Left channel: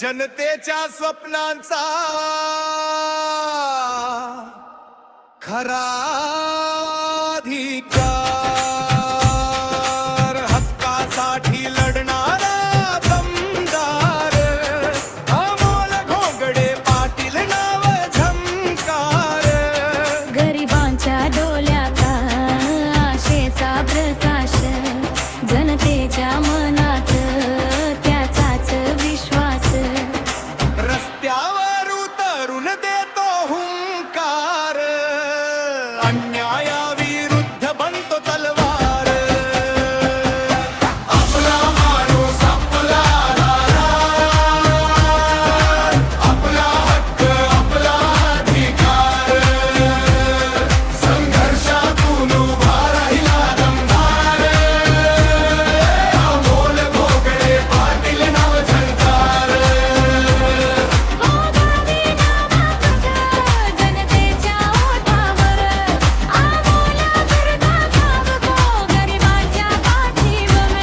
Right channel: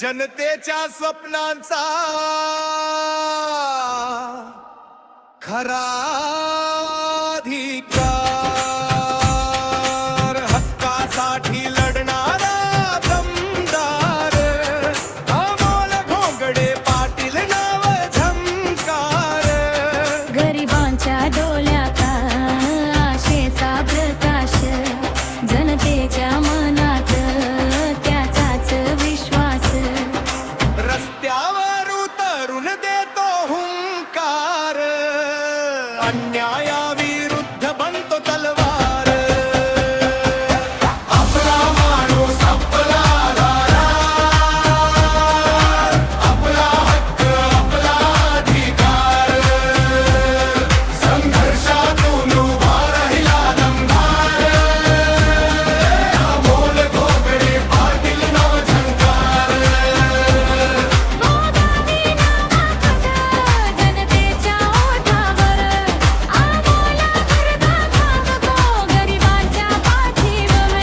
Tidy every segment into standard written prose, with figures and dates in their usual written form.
जनतेच्या स्वप्नांचा खरा अधिकार, हक्कासाठी लढणारा दमदार अमोल घोंगडे पाटील नाव झंकार. गरिबांच्या डोळ्यात आशेचा प्रकाश, जनतेच्या मनात त्याचाच विश्वास. रस्त्यावर उतरून देतो हुंकार, अन्यायाविरुद्ध बनतो तलवार. आपला माणूस आपला दारार, आपला हक्क आपला अधिकार. संघर्षातून उभा राहिला दमदार, अमोल घोंगडे पाटील नाव झंकार. जनतेच्या ओठावर आमोला करता धावतो, गरिबांच्या पाठीवर.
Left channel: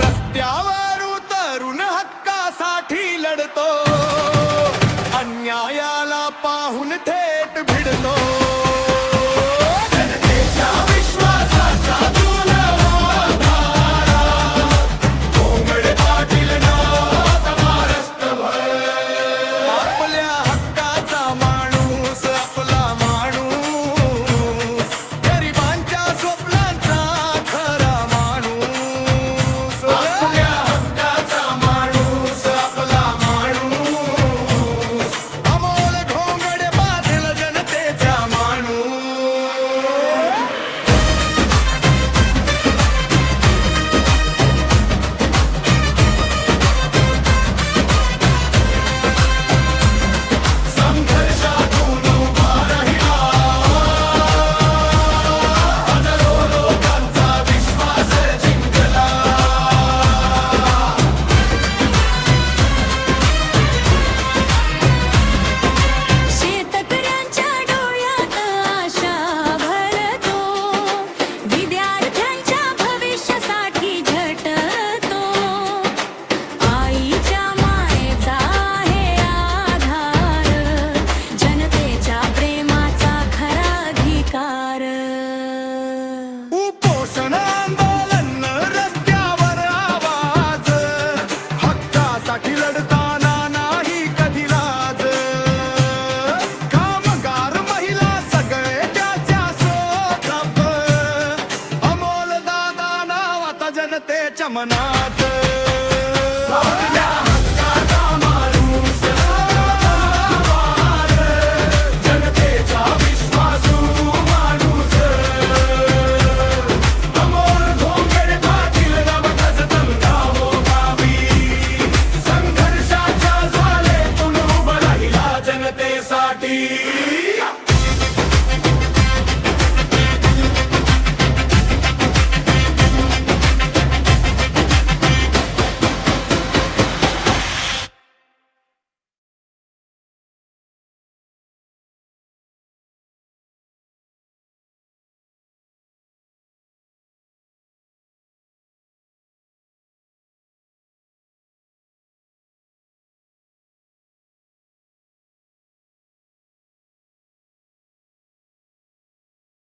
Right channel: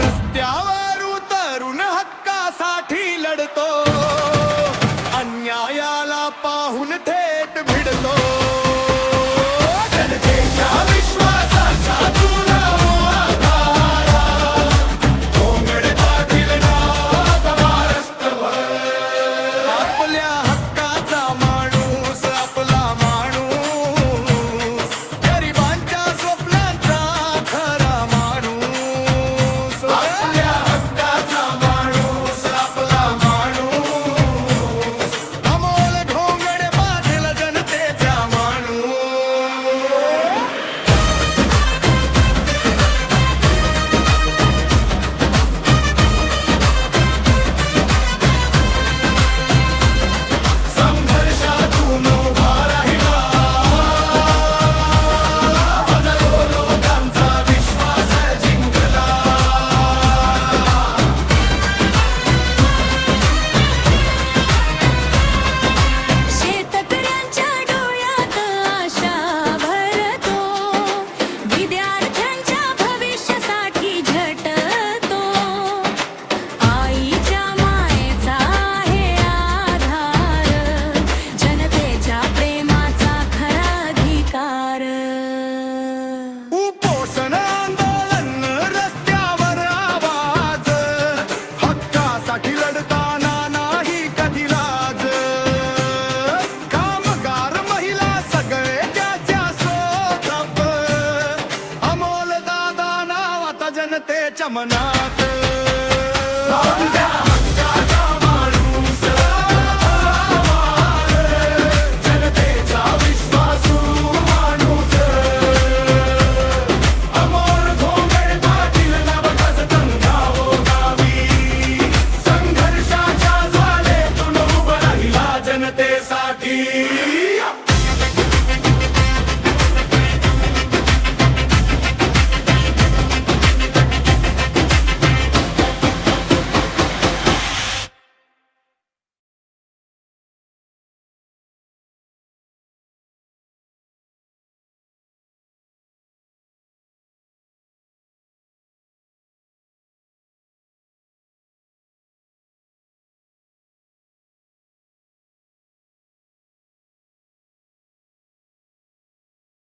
रस्त्यावर उतरून हक्कासाठी लढतो, अन्यायाला पाहून थेट भिडतो. जनतेच्या विश्वासाचा तुला आधारा, घोंगडे पाटील नाव महाराष्ट्रभर. आपल्या हक्काचा माणूस आपला माणूस, गरिबांच्या स्वप्नांचा खरा माणूस. आपल्या हक्काचा माणूस आपला माणूस, अमोल घोंगडे पाटील जनतेचा माणूस. संघर्षातून उभा राहिला, हजारो लोकांचा विश्वास जिंकला. शेतकऱ्यांच्या डोळ्यात आशा भरतो, विद्यार्थ्यांच्या भविष्यासाठी झटतो. आईच्या मायेचा आहे आधार, जनतेच्या प्रेमाचा खरा अधिकार. उपोषण आंदोलन रस्त्यावर आवाज, हक्कासाठी लढताना नाही कधी लाज. कामगार महिला सगळे त्याच्या सोबत, अमोल दादा नाव आता जनतेच्या मनात.